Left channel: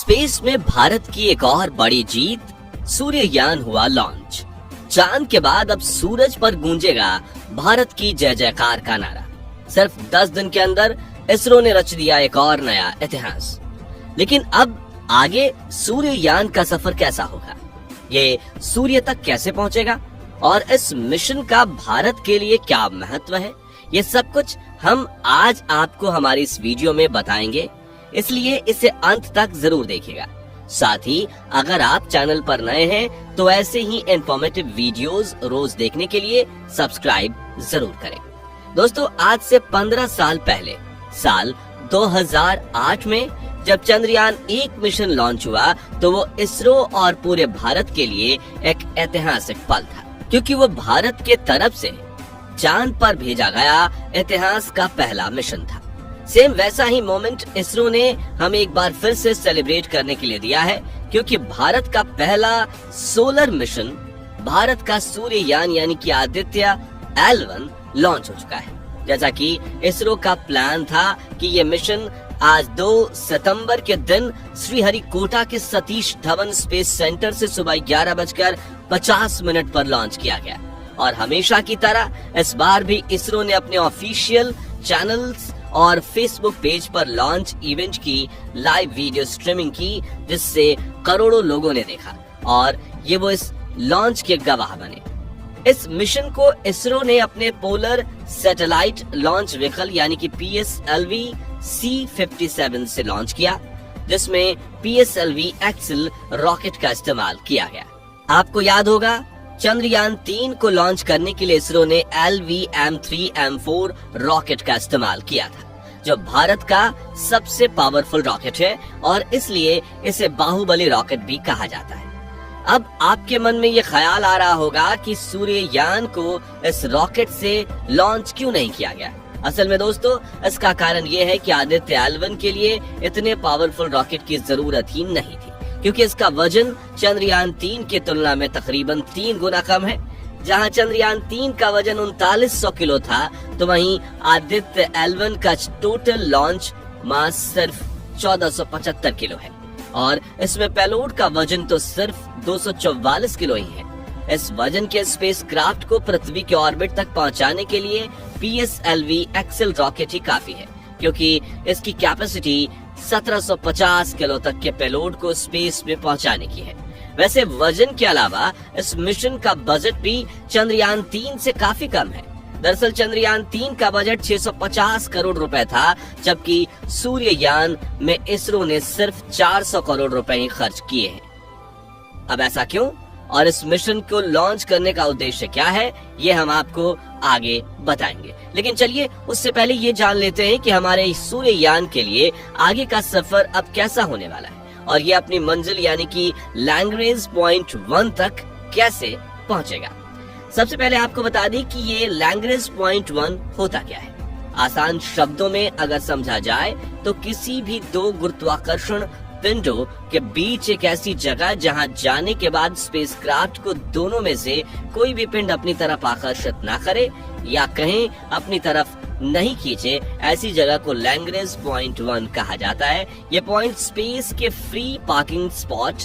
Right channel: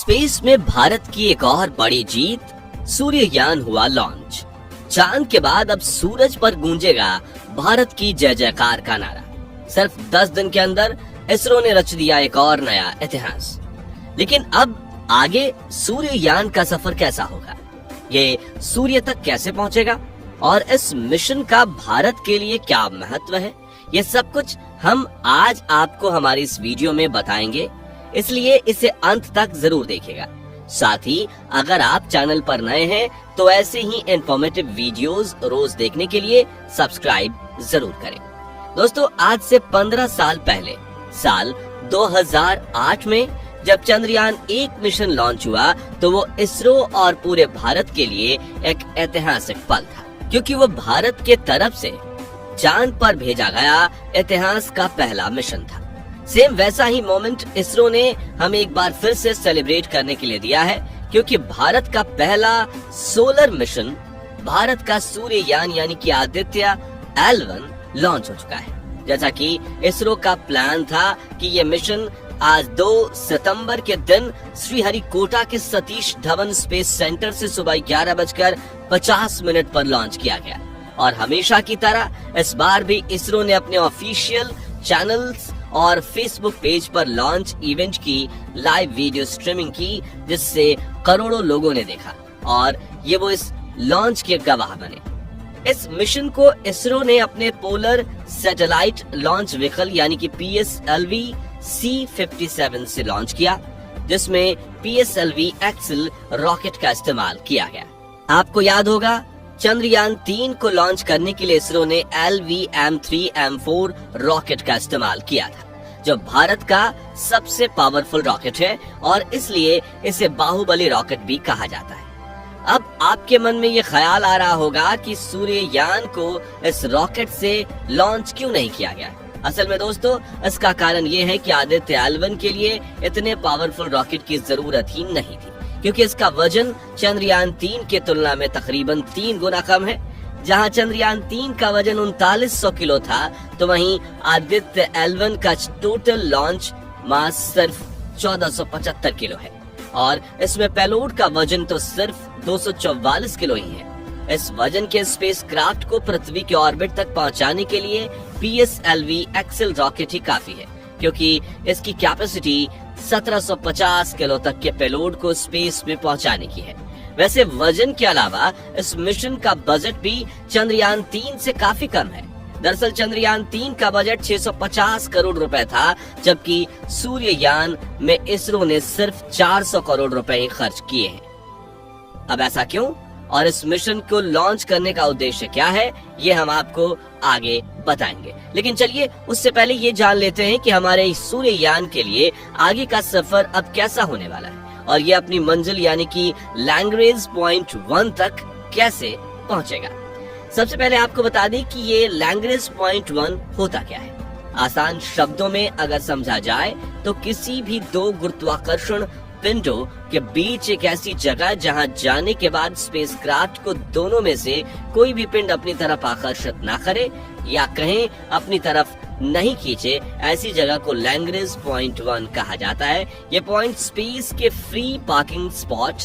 Space में भारत की एक और बड़ी जीत, सूर्ययान हुआ लॉन्च। चांद के बाद अब सूरज पर गूंजेगा भारत की जय जयकार का नारा। सिर्फ 10 दिन के अंदर इसरो ने रच दिया एक और नया इतिहास। लेकिन अब आगे सूर्ययान का सफर कैसा होगा, ये सूर्य तक कैसे पहुंचेगा और इस मिशन का भारत के लिए क्या महत्व है, ये सब कुछ हम आज आपको हमारी इस वीडियो में बताएंगे, इसलिए इसे अंत तक जरूर देखिएगा। साथ ही अगर आप चैनल पर नए हैं तो ऐसे ही इंफॉर्मेटिव वीडियोस रोज देखने के लिए सब्सक्राइब जरूर करें। दोस्तों, आज से 15 साल पहले साल 2008 में जब चंद्रयान 1 मिशन लॉन्च हुआ तो वो इसरो और पूरे भारत के लिए एक ऐतिहासिक पल था, क्योंकि वो भारत के तरफ से चांद पर भेजा गया इतिहास का पहला मिशन था। सेम वैसा ही मोमेंट इसरो ने हमें एक बार फिर से सेलिब्रेट करने के लिए दिया है, क्योंकि भारत का पहला सोलर मिशन, भारत का सूर्ययान यानी कि आदित्य L1 लॉन्च हो चुका है। जैसा कि इसरो का प्लान था कि ये मिशन आज 2 सितंबर के दिन श्रीहरिकोटा के सतीश धवन स्पेस सेंटर से सुबह 11:50 पर लॉन्च किया गया। और हमेशा की तरह इस बार भी इसरो ने अपने ऑफिशियल चैनल्स और फेसबुक पेज पर लॉन्च इवेंट की लाइव वीडियो स्ट्रीमिंग की, जिससे करोड़ों लोगों ने देखा और ये वो इस लॉन्च के गवाह बने। इस मिशन को इसरो ने अपने पोलर सैटेलाइट लॉन्च व्हीकल यानी कि PSLV C-57 से लॉन्च किया, जिसमें PSLV एक्सेल रॉकेट का इस्तेमाल किया गया। आपको याद होगा, चंद्रयान 3 को लॉन्च करने के लिए इसरो ने LV-M3-M4 रॉकेट का इस्तेमाल किया था, जो भारत का सबसे पावरफुल रॉकेट है और इसलिए इसे बाहुबली रॉकेट भी कहा जाता है। अब आपके मन में ये ख्याल आ रहा होगा कि सूर्ययान को इस रॉकेट से लॉन्च क्यों नहीं किया गया। असल में दोस्तों, इसका कारण ये है कि आदित्य L1 के लिए इतने पावरफुल रॉकेट की जरूरत ही नहीं थी, क्योंकि इसका वजन चंद्रयान 3 के तुलना में तकरीबन 3 गुना कम है। जहां चंद्रयान 3 का वजन 3900 किलो था, तो वहीं आदित्य L1 का टोटल लॉन्च मास सिर्फ 1475 किलो है और इसमें पेलोड का वजन तो सिर्फ 244 किलो ही है। इस वजन के स्पेसक्राफ्ट को पृथ्वी के ऑर्बिट तक पहुंचाने के लिए PSLV एक्सेल रॉकेट ही काफी है, क्योंकि इसकी कैपेसिटी 1750 किलो तक के पेलोड को स्पेस में पहुंचाने की है। वैसे वजन के अलावा इस मिशन का बजट भी चंद्रयान 3 से काफी कम है। दरअसल चंद्रयान 3 का बजट 650 करोड़ रुपए था, जबकि सूर्ययान में इसरो ने सिर्फ 400 करोड़ रुपए ही खर्च किए हैं। अब ऐसा क्यों और इस मिशन को लॉन्च करने का उद्देश्य क्या है, ये हम आपको आगे बताएंगे। लेकिन चलिए उससे पहले ये जान लेते हैं कि हमारे सूर्ययान के लिए आगे का सफर अब कैसा होने वाला है और ये अपनी मंजिल यानी कि लैग्रेंज पॉइंट 1 तक कैसे पहुंचेगा। सबसे पहले आपको बता दें कि ये लैग्रेंज पॉइंट 1 होता क्या है। आसान शब्दों में अगर समझा जाए तो किसी भी 2 गुरुत्वाकर्षण पिंडों के बीच एक ऐसी जगह जहां जाने के बाद स्पेसक्राफ्ट को दोनों में से कोई भी पिंड अपनी तरफ आकर्षित ना करे या कहें अपनी तरफ नहीं खींचे, ऐसी जगह को लैग्रेंज पॉइंट 1 कहा जाता है। ये पॉइंट स्पेस के फ्री पार्किंग स्पॉट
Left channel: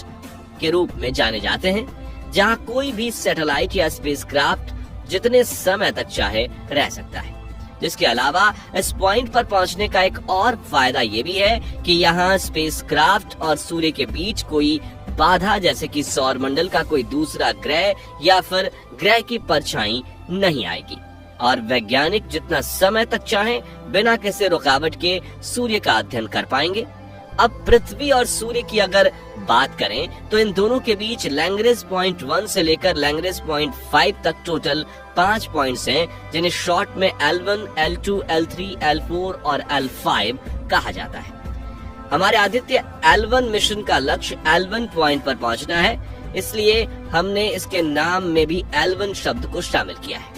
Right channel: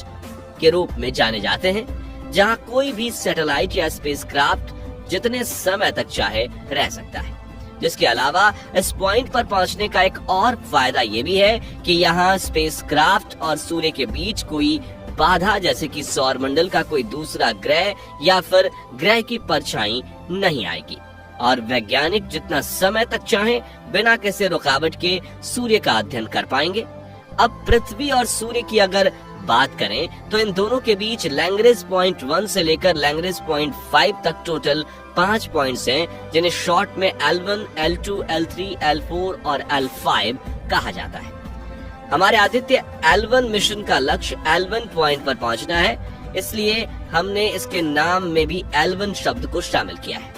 के रूप में जाने जाते हैं, जहां कोई भी सैटेलाइट या स्पेसक्राफ्ट जितने समय तक चाहे रह सकता है। जिसके अलावा इस पॉइंट पर पहुंचने का एक और फायदा ये भी है कि यहाँ स्पेसक्राफ्ट और सूर्य के बीच कोई बाधा, जैसे कि सौर मंडल का कोई दूसरा ग्रह या फिर ग्रह की परछाई नहीं आएगी और वैज्ञानिक जितना समय तक चाहे बिना किसी रुकावट के सूर्य का अध्ययन कर पाएंगे। अब पृथ्वी और सूर्य की अगर बात करें तो इन दोनों के बीच लैग्रेंज पॉइंट 1 से लेकर लैग्रेंज पॉइंट 5 तक टोटल 5 पॉइंट्स हैं, जिन्हें शॉर्ट में L1, L2, L3, L4 और L5 कहा जाता है। हमारे आदित्य L1 मिशन का लक्ष्य L1 पॉइंट पर पहुंचना है, इसलिए हमने इसके नाम में भी L1 शब्द को शामिल किया है।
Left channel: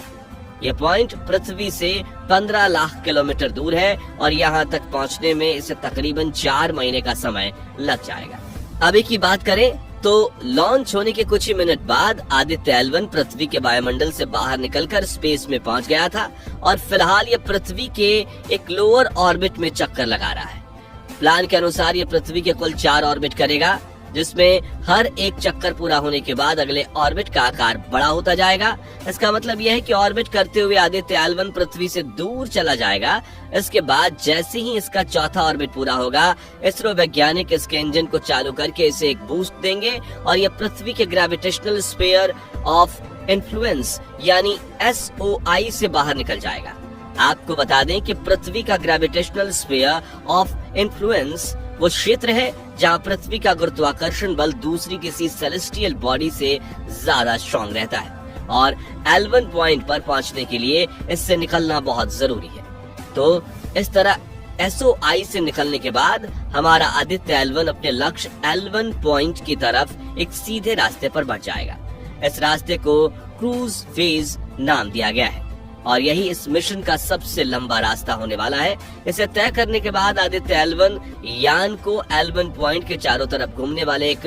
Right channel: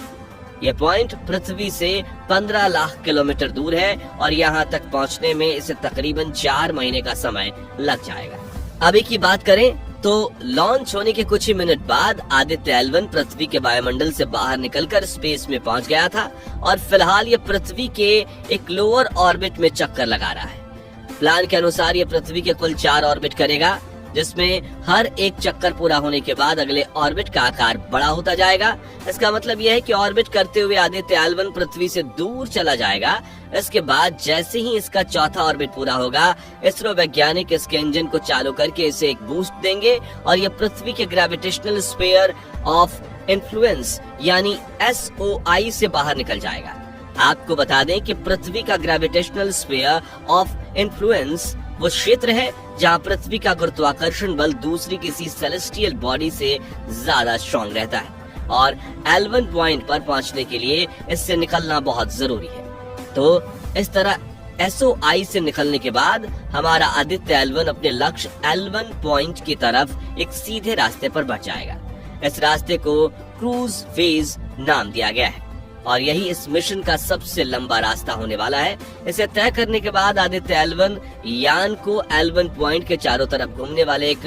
यह पॉइंट पृथ्वी से 15 लाख किलोमीटर दूर है और यहाँ तक पहुँचने में इसे तकरीबन 4 महीने का समय लग जाएगा। अभी की बात करें तो लॉन्च होने के कुछ ही मिनट बाद आदित्य L1 पृथ्वी के वायुमंडल से बाहर निकलकर स्पेस में पहुंच गया था और फिलहाल ये पृथ्वी के एक लोअर ऑर्बिट में चक्कर लगा रहा है। प्लान के अनुसार ये पृथ्वी के कुल 4 ऑर्बिट करेगा, जिसमें हर एक चक्कर पूरा होने के बाद अगले ऑर्बिट का आकार बड़ा होता जाएगा। इसका मतलब यह है कि ऑर्बिट करते हुए आदित्य L1 पृथ्वी से दूर चला जाएगा। इसके बाद जैसे ही इसका चौथा ऑर्बिट पूरा होगा, इसरो वैज्ञानिक इसके इंजन को चालू करके इसे एक बूस्ट देंगे और यह पृथ्वी के ग्रेविटेशनल स्फीयर ऑफ इन्फ्लुएंस यानी SOI से बाहर निकल जाएगा। आपको बता दें कि पृथ्वी का ग्रेविटेशनल स्फीयर ऑफ इन्फ्लुएंस वो क्षेत्र है जहां पृथ्वी का गुरुत्वाकर्षण बल दूसरी किसी सेलेस्टियल बॉडी से ज्यादा स्ट्रॉन्ग रहता है और L1 पॉइंट पर पहुंचने के लिए इससे निकलना बहुत जरूरी है। तो इस तरह SOI से निकलने के बाद हमारा आदित्य L1 अपने लक्ष्य L1 पॉइंट की तरफ एक सीधे रास्ते पर बढ़ जाएगा। इस रास्ते को क्रूज फेज नाम दिया गया है और यही इस मिशन का सबसे लंबा रास्ता होने वाला है। इसे तय करने के बाद आदित्य L1 यान को L1 पॉइंट के चारों तरफ घूमने वाले एक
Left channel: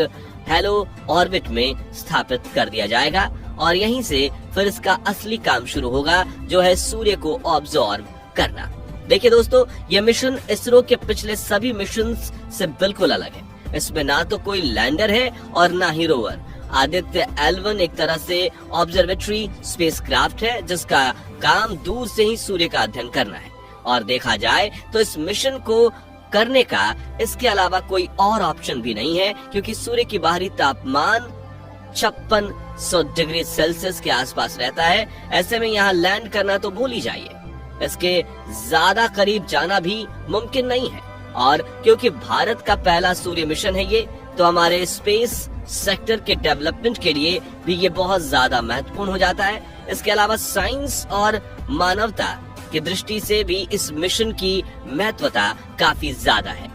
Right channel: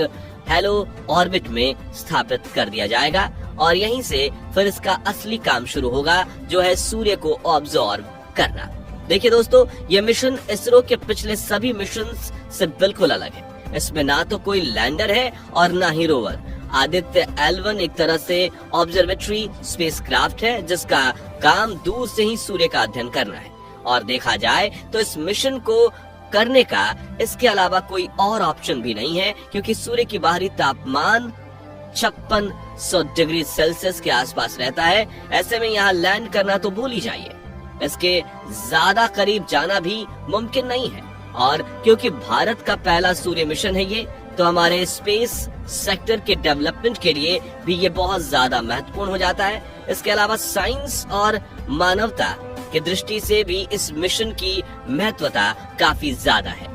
हेलो ऑर्बिट में स्थापित कर दिया जाएगा और यहीं से फिर इसका असली काम शुरू होगा, जो है सूर्य को ऑब्जर्व करना। देखिए दोस्तों, ये मिशन इसरो के पिछले सभी मिशन से बिल्कुल अलग है। इसमें ना तो कोई लैंडर है और ना ही रोवर। आदित्य L1 एक तरह से ऑब्जर्वेटरी स्पेसक्राफ्ट है जिसका काम दूर से ही सूर्य का अध्ययन करना है और देखा जाए तो इस मिशन को करने का इसके अलावा कोई और ऑप्शन भी नहीं है, क्योंकि सूर्य की बाहरी तापमान 5600 डिग्री सेल्सियस के आसपास रहता है। ऐसे में यहाँ लैंड करना तो भूल ही जाइए, इसके ज्यादा करीब जाना भी मुमकिन नहीं है। और क्योंकि भारत का पहला सूर्य मिशन है ये, तो हमारे स्पेस सेक्टर के डेवलपमेंट के लिए भी ये बहुत ज्यादा महत्वपूर्ण हो जाता है। इसके अलावा साइंस और मानवता की दृष्टि से भी इस मिशन की महत्वता काफी ज्यादा है,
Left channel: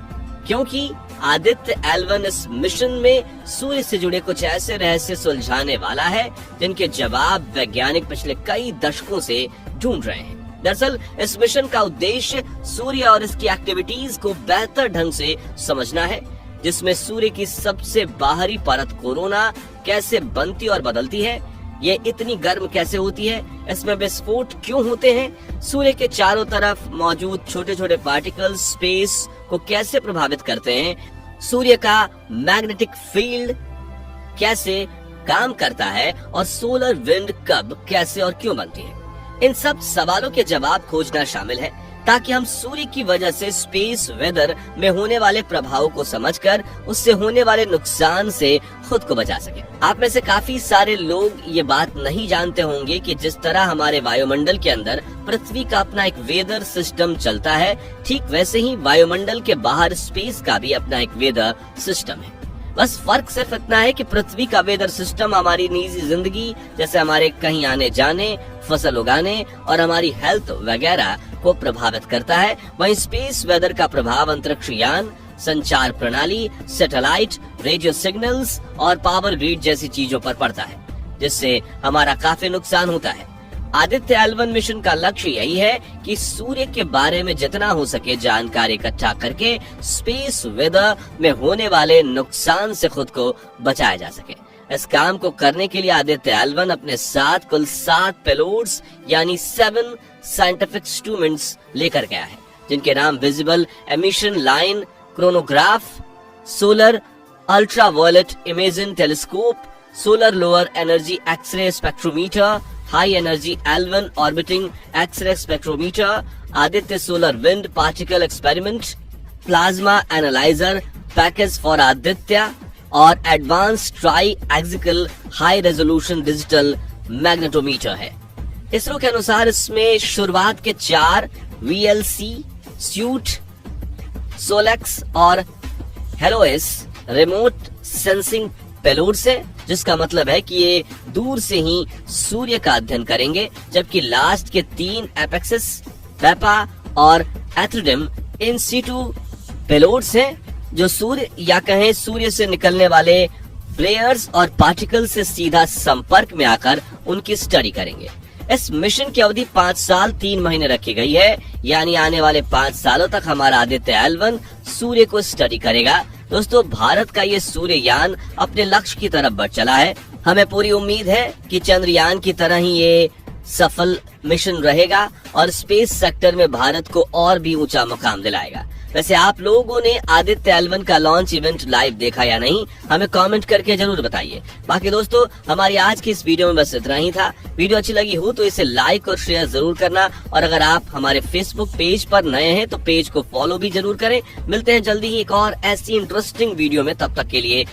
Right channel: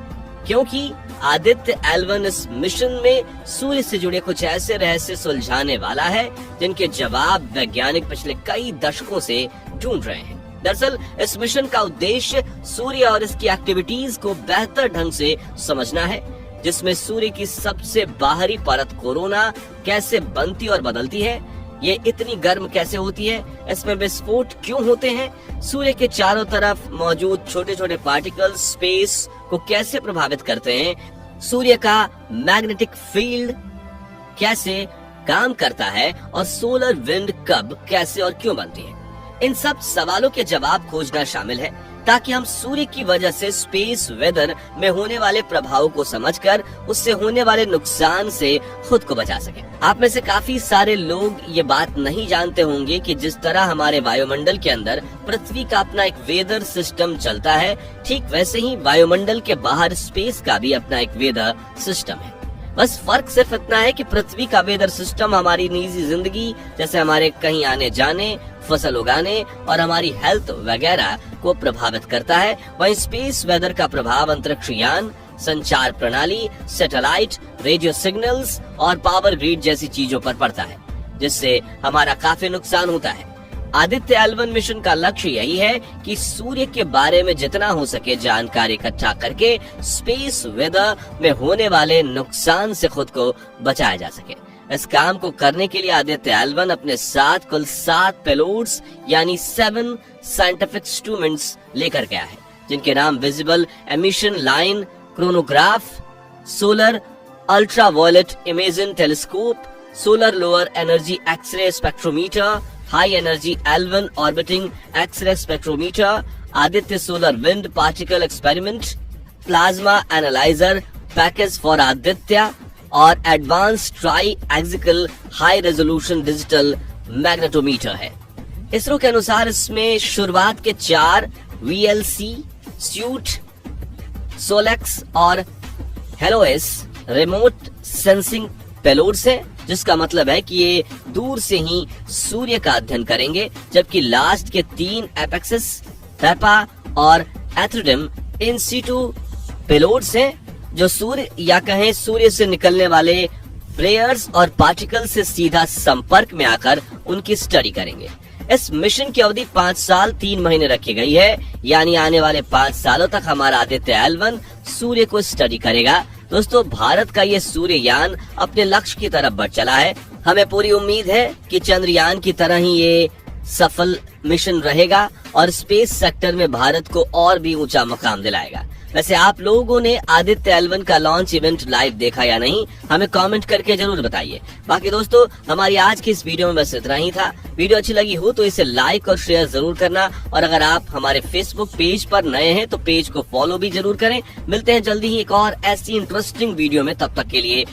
क्योंकि आदित्य L1 इस मिशन में सूर्य से जुड़े कुछ ऐसे रहस्य सुलझाने वाला है जिनके जवाब वैज्ञानिक पिछले कई दशकों से ढूंढ रहे हैं। दरअसल इस मिशन का उद्देश्य सूर्य और इसकी एक्टिविटीज को बेहतर ढंग से समझना है, जिसमें सूर्य की सबसे बाहरी परत कोरोना कैसे बनती और बदलती है, ये इतनी गर्म कैसे होती है, इसमें विस्फोट क्यों होते हैं, सूर्य के चारों तरफ मौजूद छोटे छोटे पार्टिकल्स स्पेस को कैसे प्रभावित करते हैं, सूर्य का मैग्नेटिक फील्ड कैसे काम करता है और सोलर विंड कब, कैसे और क्यों बनती है। इन सब सवालों के जवाब खोजना शामिल है, ताकि हम सूर्य की वजह से स्पेस वेदर में होने वाले प्रभाव को समझकर उससे होने वाले नुकसान से खुद को बचा सके। आप में से काफी सारे लोग ये बात नहीं जानते होंगे कि जिस तरह हमारे वायुमंडल के अंदर पृथ्वी का अपना एक वेदर सिस्टम चलता है, ठीक वैसे ही वायुमंडल के बाहर स्पेस का भी अपना एक वेदर सिस्टम है। बस फर्क सिर्फ इतना है कि पृथ्वी का वेदर सिस्टम हमारी निजी जिंदगी, जैसे हमारे कहीं आने जाने, फसल उगाने और हमारी हेल्थ वगैरह को प्रभावित करता है। वहीं स्पेस वेदर का प्रभाव अंतरिक्ष यान, संचार प्रणाली, सैटेलाइट, रेडियो सिग्नल्स और पावर ग्रिड जैसी चीजों पर पड़ता है, जिससे हमारा काफी नुकसान होता है। आदित्य L1 मिशन का लक्ष्य यही है कि सूर्य के बारे में जितना हो सके जानकारी इकट्ठा करके स्पेस वेदर में होने वाले नुकसान से खुद को बचाया जा सके। इस काम को करने के लिए आदित्य L1 अपने साथ कुल 7 पेलोड्स यानी 7 साइंटिफिक इंस्ट्रूमेंट्स लेकर गया है, जिनके नाम visible emission line coronagraph, solar ultraviolet imaging telescope, solar lower energy X ray spectrometer, high energy L1 orbiting X ray spectrometer, Aditya solar wind particle experiment, plasma analyser package for Aditya और advance tri axial high resolution digital magnetometer है। इसरो के अनुसार इसमें शुरुआत के 4 VLC, suite, Solex और हेलोएस remote sensing payloads है, जिसका मतलब है कि ये दूर से ही सूर्य का अध्ययन करेंगे, जबकि लास्ट के 3 एपेक्सिस, पेपा और एथ्रोडिम इन सीटू पेलोड्स हैं, जो सूर्य या कहें सूर्य से निकलने वाले फ्लेयर्स और पार्टिकल से सीधा संपर्क में आकर उनकी स्टडी करेंगे। इस मिशन की अवधि 5 साल 3 महीने रखी गई है, यानी आने वाले 5 सालों तक हमारा आदित्य L1 सूर्य को स्टडी करेगा। दोस्तों, भारत का ये सूर्ययान अपने लक्ष्य की तरफ बढ़ चला है। हमें पूरी उम्मीद है कि चंद्रयान की तरह ही ये सफल मिशन रहेगा और स्पेस सेक्टर में भारत को और भी ऊंचा मुकाम दिलाएगा। वैसे आप लोगों ने आदित्य L1 का लॉन्च इवेंट लाइव देखा या नहीं, हमें कमेंट करके जरूर बताइए। बाकी दोस्तों, हमारी आज की इस वीडियो में बस इतना ही था। वीडियो अच्छी लगी हो तो इसे लाइक और शेयर जरूर करना, और अगर आप हमारे फेसबुक पेज पर नए हैं तो पेज को फॉलो भी जरूर करें। मिलते हैं जल्दी ही एक और ऐसी इंटरेस्टिंग वीडियो में, तब तक के लिए